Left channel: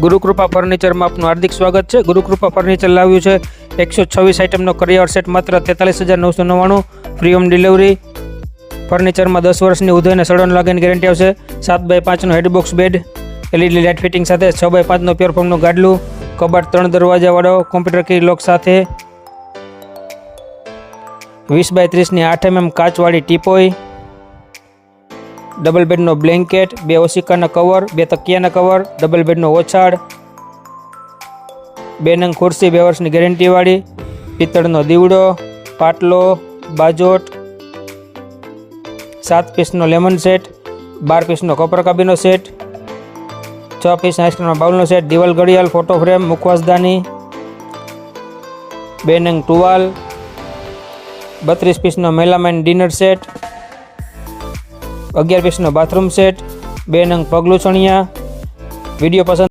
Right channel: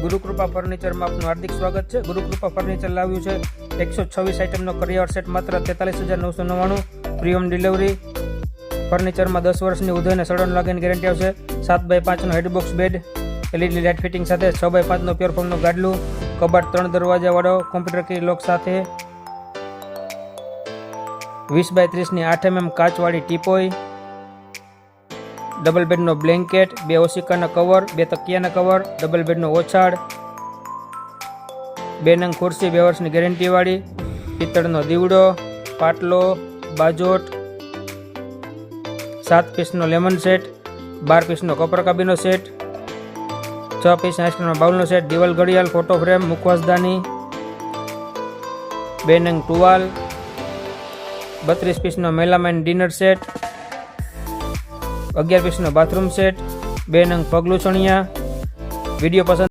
ગુરુકૃપા ફર્નિચરમાં આપનું હાર્દિક સ્વાગત છે। ગુરુકૃપા ફર્નિચર લાવ્યું છે 126 આઇટમનો કરિયાવર સેટ માત્ર 43,999, ફ્રી હોમ ડિલિવરી। ફર્નિચરમાં 10 વર્ષની ઉધઈ અને સડન લાગેની ગેરંટી આવશે। 7x5નો હેડબોક્સ બેડ, LED લાઇટ ફિટિંગ સાથે 6x5નો પ્યોર ફોમનું ગાડલું, કબાટ 3 દરવાજાવાળો કોમ્પ્યુટર કી લોક સાથે, 20x30ની 8mm કાચવાળી ટીપોઈ, ડબલ બેડનો બ્લેન્કેટ, 2 ઓશિકાના કવર, 2 તકિયાના કવર, ડબલ બેડનો ઓછાડ, 2 નંગ ખુરશી 2 વર્ષની ગેરંટીવાળી, પિત્તળનો દીવડો, પાટલો, બાજોટ, 7 પીસનો લેમન સેટ, 12 પીસનો કોપર કાબીનો સેટ, 6 પીસ આઈસ્ક્રીમના બાઉલનો સેટ, દિવાલ ઘડિયાળ, ફોટો ફ્રેમ, મુખવાસદાની, 2 નંગ ટુવાલ, 32 પીસનો મેલામાઇન ડિનર સેટ, 11 પીસનો બાથરૂમ સેટ, 2 નંગ પગલુછણિયા। વિડીયો પસંદ